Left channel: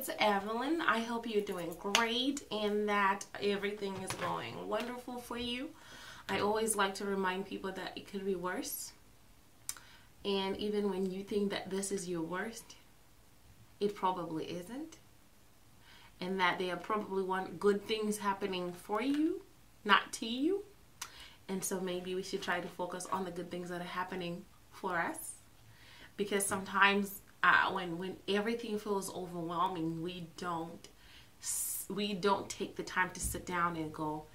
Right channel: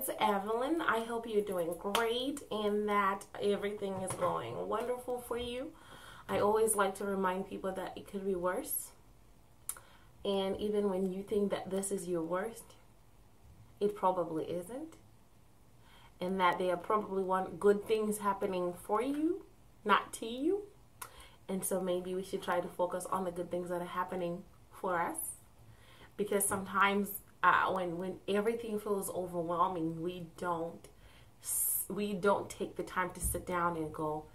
it's Evelyn. I hope you're doing great and that everything is going wonderful for you. I always like to remind people that it could be worse. And even when you think that this is your worst, it probably isn't. And that there are probably good things happening for you, not to you. And so maybe we should try to focus on the good things that are happening for us. Because sometimes when everything feels overwhelming, we don't take the time to sit down and go,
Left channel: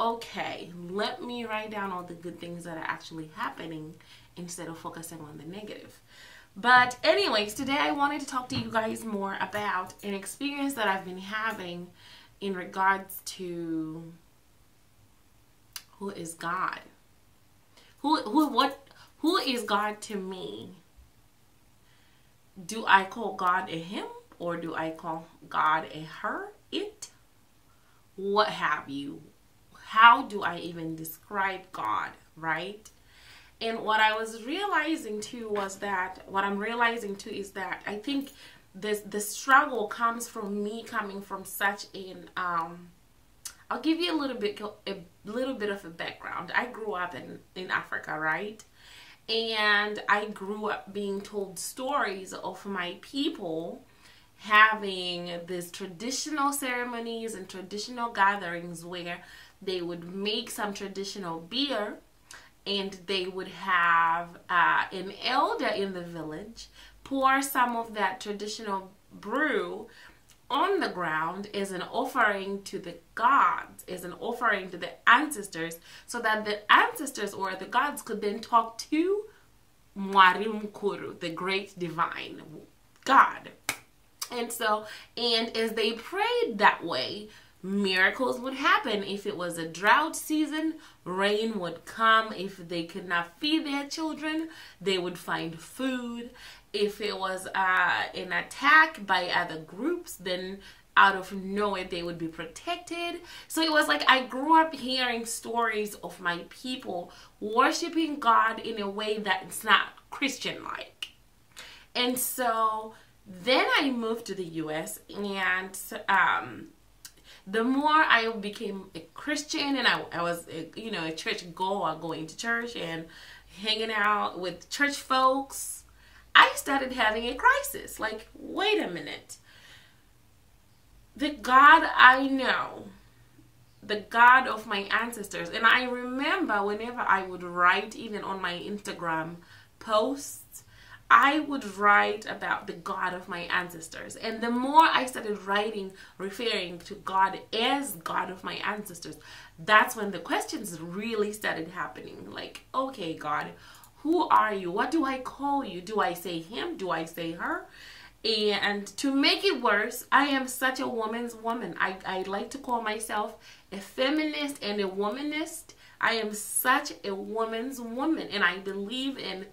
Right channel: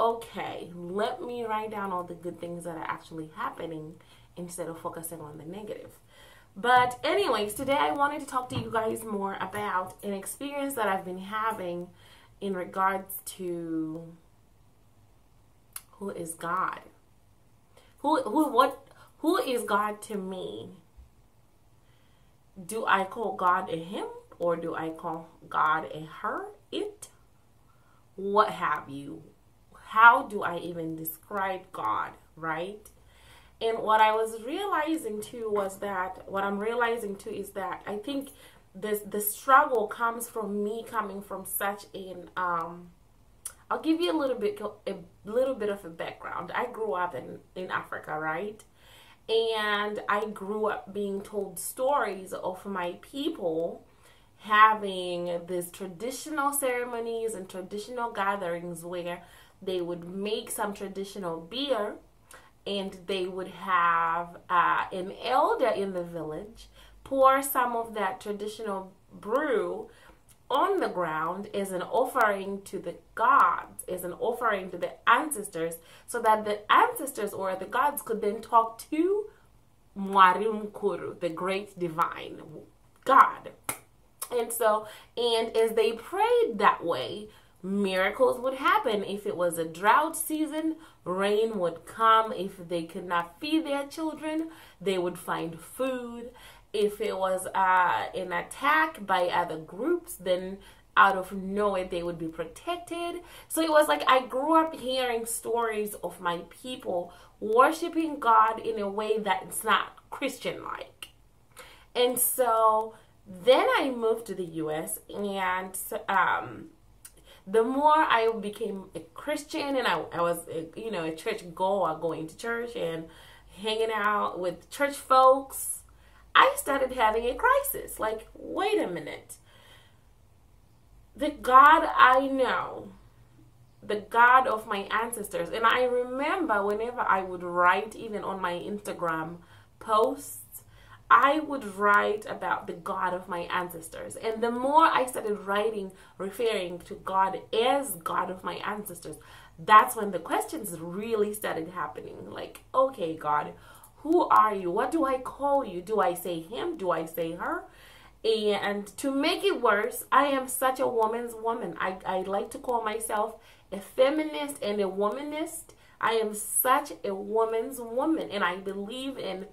okay, let me write down all the good things that are actually happening instead of focusing on the negative. But anyways, today I wanted to talk to you guys more about an experience that I've been having in regards to who is God? Who is God to me? Do I call God a him or do I call God a her, it? What have you? How do I even describe God, right? And what I was realizing too is that I think the struggle comes from me coming from such an I'll give you a little bit of a background. I grew up in Africa, right? And I grew up being told stories of my people having these traditional ceremonies and traditional gatherings where they would make some traditional beer and they would have an elder in the village pour some of that traditional brew on the ground as an offering to the gods, as an offering to the ancestors, so that the ancestors or the gods could then talk to Mwari Mkuru, the great divine God. And as they prayed that way, miracles would happen. If it was a drought season, rain would come. If they could not feed their children, they would find food. If it was an attack by other groups, then out of nowhere they would be protected. So it was like I grew up hearing stories of my people worshiping God in a way that it's not Christian-like. And so then I moved to the US, and the more I became a Christian and I was a church goer, going to church and hanging out with church folks, I started having a crisis. Like, wait a minute. The God I know, the God of my ancestors, and I remember whenever I would write, even on my Instagram posts, I would write about the God of my ancestors. And the more I started writing, referring to God as God of my ancestors, that's when the questions really started happening. Like, okay, God, who are you? What do I call you? Do I say him? Do I say her? And to make it worse, I am such a woman's woman. I like to call myself a feminist and a womanist. I am such a woman's woman, and I believe in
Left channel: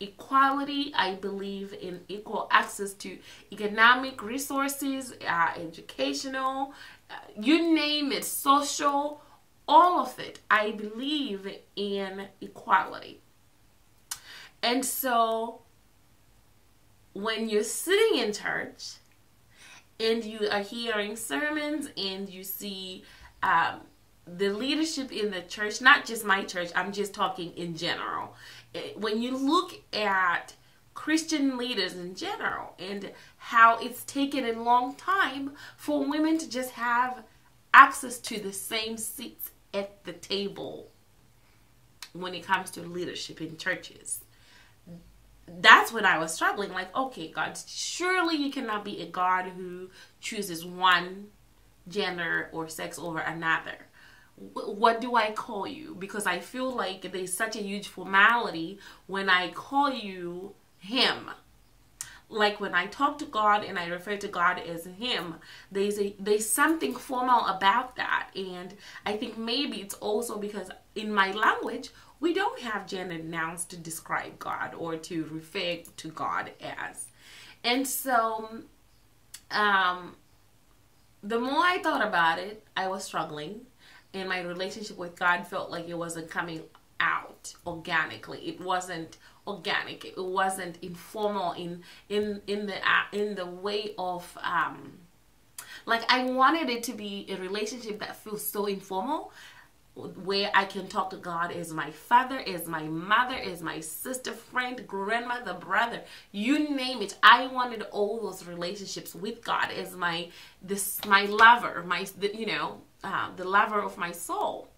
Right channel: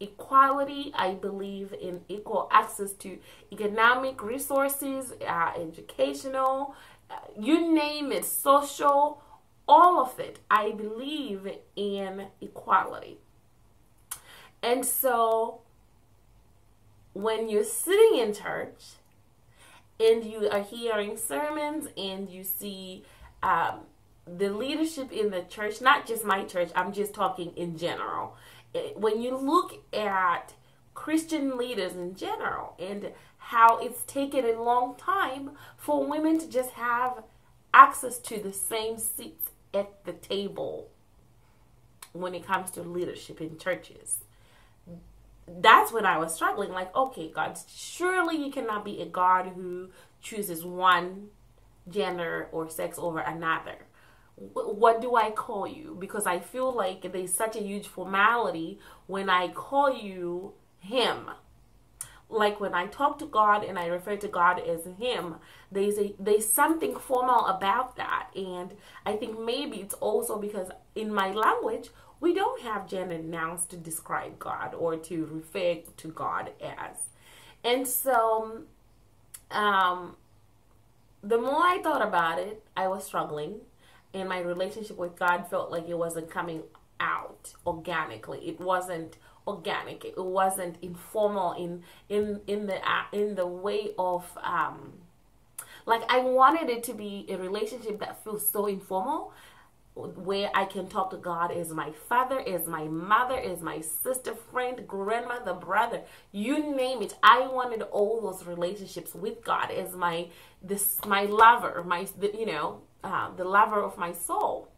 equality. I believe in equal access to economic resources, educational, you name it, social, all of it. I believe in equality. And so when you're sitting in church and you are hearing sermons and you see the leadership in the church, not just my church, I'm just talking in general. When you look at Christian leaders in general and how it's taken a long time for women to just have access to the same seats at the table when it comes to leadership in churches. That's when I was struggling. Like, okay, God, surely you cannot be a God who chooses one gender or sex over another. What do I call you? Because I feel like there's such a huge formality when I call you him. Like when I talk to God and I refer to God as him, there's something formal about that. And I think maybe it's also because in my language, we don't have gendered nouns to describe God or to refer to God as. And so the more I thought about it, I was struggling. And my relationship with God felt like it wasn't coming out organically. It wasn't organic. It wasn't informal in the way of like I wanted it to be a relationship that feels so informal, where I can talk to God as my father, as my mother, as my sister, friend, grandmother, brother, you name it. I wanted all those relationships with God as my lover, the lover of my soul.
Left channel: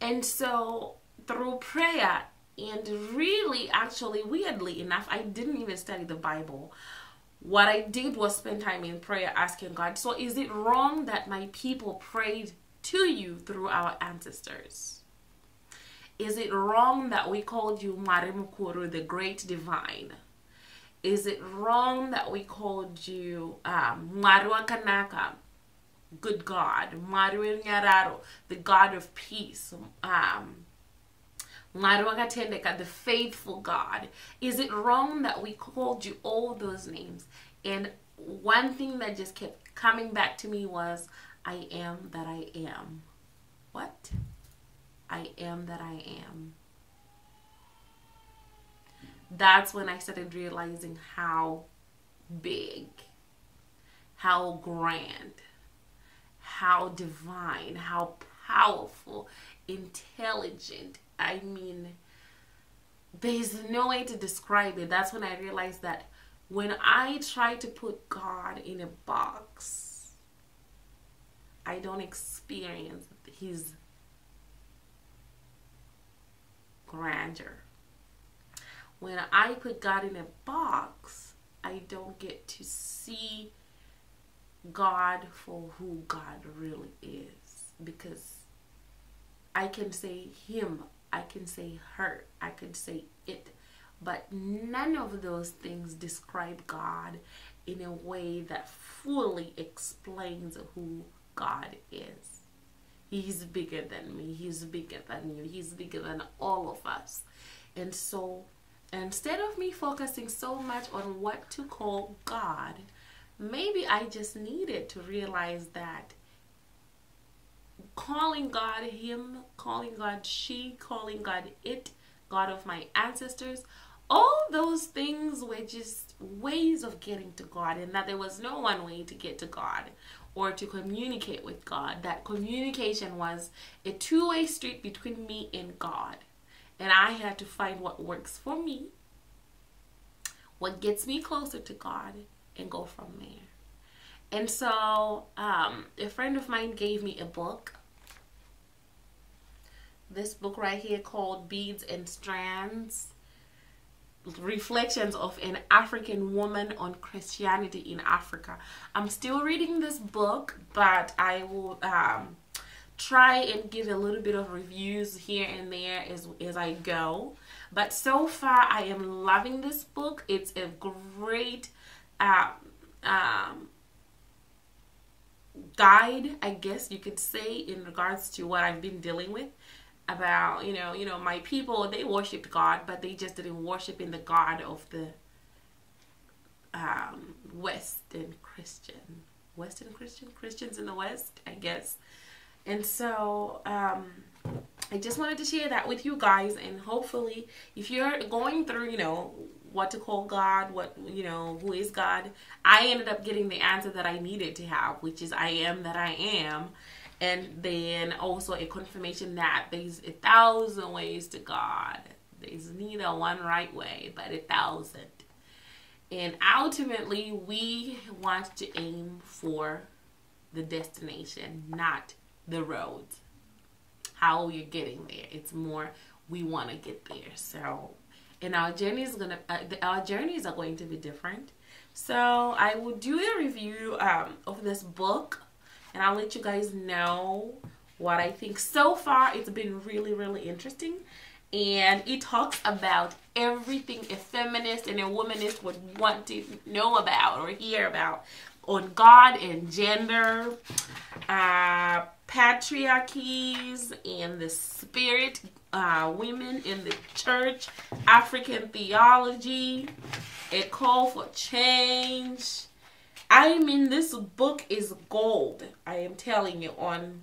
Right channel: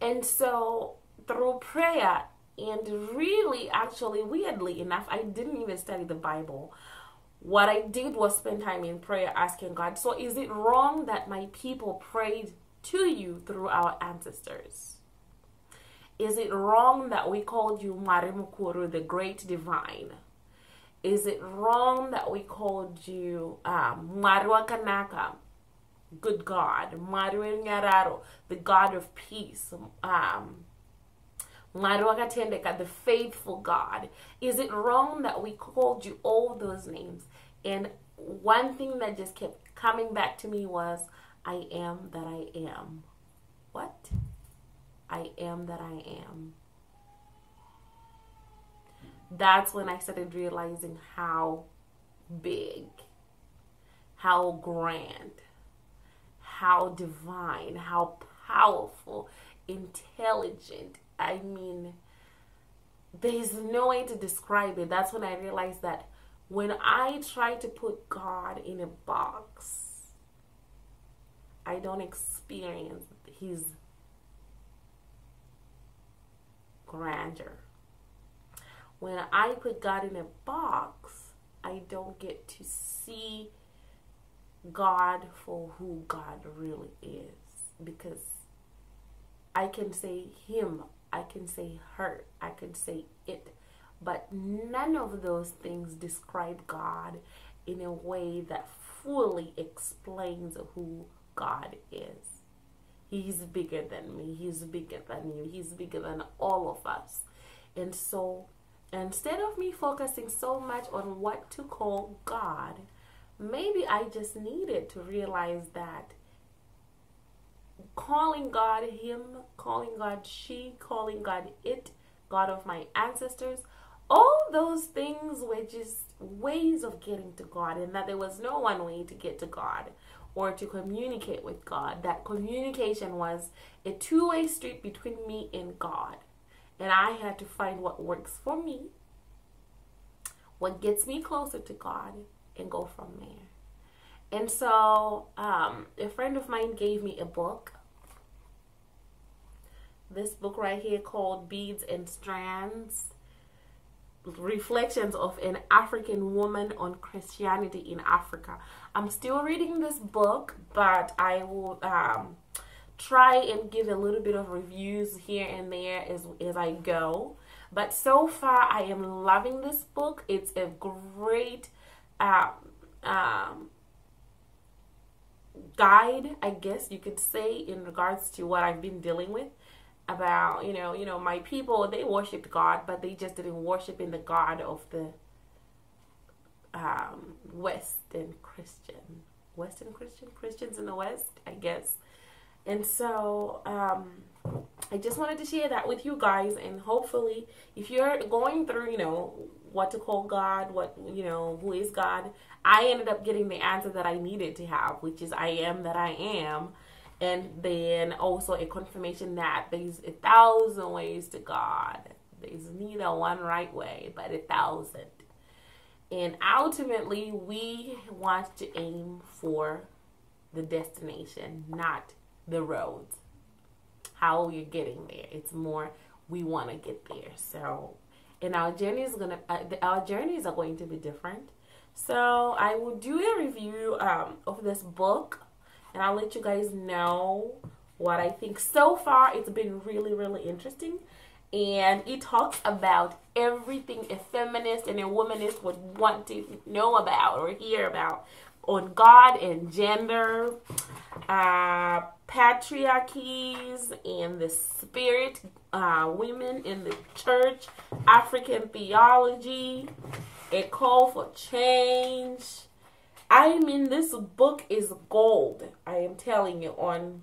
And so through prayer, and really, actually, weirdly enough, I didn't even study the Bible. What I did was spend time in prayer asking God, so is it wrong that my people prayed to you through our ancestors? Is it wrong that we called you Marimukuru, the great divine? Is it wrong that we called you Marua Kanaka, good God, Marua Nyararo, the God of peace, Marua Katendeka, the faithful God? Is it wrong that we called you all those names? And one thing that just kept coming back to me was, I am that I am. What? I am that I am. That's when I started realizing how big, how grand, how divine, how powerful, intelligent. I mean, there's no way to describe it. That's when I realized that when I try to put God in a box, I don't experience his grandeur. When I put God in a box, I don't get to see God for who God really is. Because I can say him, I can say her, I can say it, but none of those things describe God in a way that fully explains who God is. He's bigger than me. He's bigger than you. He's bigger than all of us. And so instead of me focusing so much on what to call God, maybe I just needed to realize that calling God him, calling God she, calling God it, God of my ancestors, all those things were just ways of getting to God, and that there was no one way to get to God or to communicate with God. That communication was a two-way street between me and God. And I had to find what works for me, what gets me closer to God, and go from there. And so a friend of mine gave me a book. This book right here called Beads and Strands, Reflections of an African Woman on Christianity in Africa. I'm still reading this book, but I will try and give a little bit of reviews here and there as I go. But so far, I am loving this book. It's a great guide, I guess you could say, in regards to what I've been dealing with. About, you know, my people, they worshiped God, but they just didn't worship in the God of the Christians in the West, I guess. And so I just wanted to share that with you guys, and hopefully if you're going through, what to call God, who is God, I ended up getting the answer that I needed to have, which is I am that I am. And then also a confirmation that there's 1,000 ways to God. There's neither one right way, but 1,000. And ultimately, we want to aim for the destination, not the road. How you're getting there. It's more we want to get there. So, and our journeys are going to be different. So I will do a review of this book. And I'll let you guys know what I think. So far, it's been really, really interesting. And it talks about everything a feminist and a womanist would want to know about or hear about on God and gender, patriarchies and the spirit, women in the church, African theology, a call for change. I mean, this book is gold, I am telling you, on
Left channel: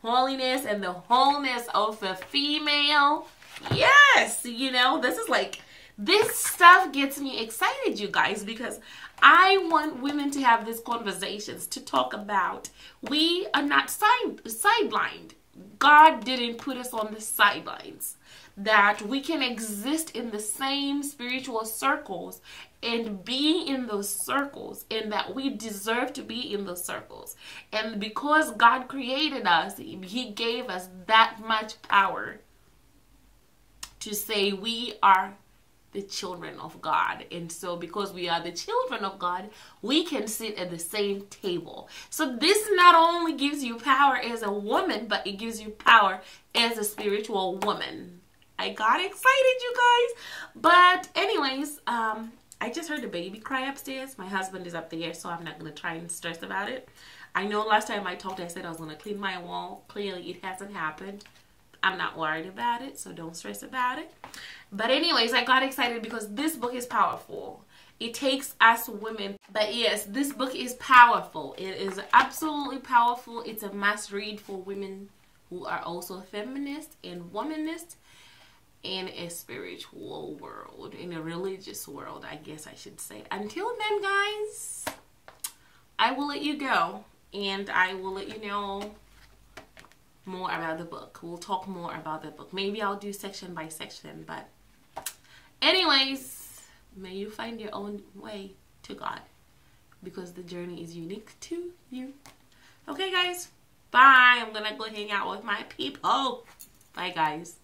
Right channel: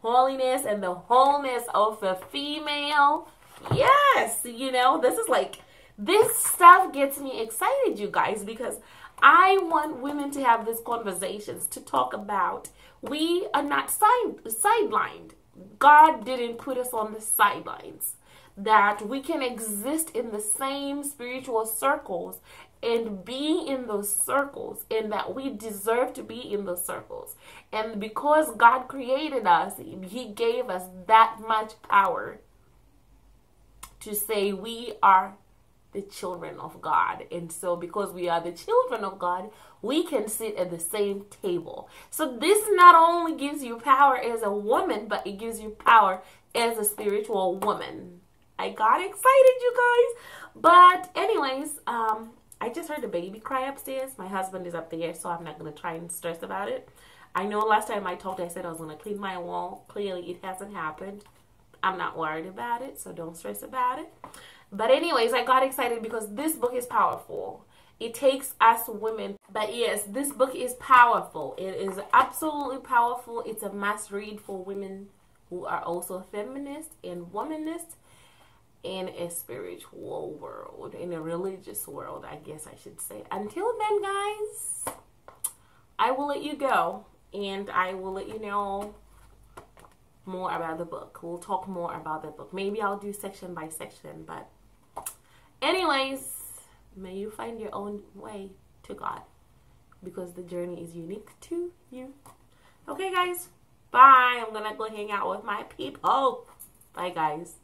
holiness and the wholeness of a female. Yes, you know, this stuff gets me excited, you guys, because I want women to have these conversations, to talk about we are not sidelined. God didn't put us on the sidelines. That we can exist in the same spiritual circles and be in those circles, and that we deserve to be in those circles. And because God created us, He gave us that much power to say we are the children of God. And so because we are the children of God, we can sit at the same table. So this not only gives you power as a woman, but it gives you power as a spiritual woman. I got excited, you guys. But anyways, I just heard the baby cry upstairs. My husband is up there, so I'm not going to try and stress about it. I know last time I talked, I said I was going to clean my wall. Clearly, it hasn't happened. I'm not worried about it, so don't stress about it. But anyways, I got excited because this book is powerful. It takes us women. But yes, this book is powerful. It is absolutely powerful. It's a must read for women who are also feminists and womanists in a spiritual world, in a religious world, I guess I should say. Until then, guys, I will let you go, and I will let you know more about the book. We'll talk more about the book. Maybe I'll do section by section, but anyways, may you find your own way to God, because the journey is unique to you. Okay, guys, bye. I'm gonna go hang out with my people. Bye, guys.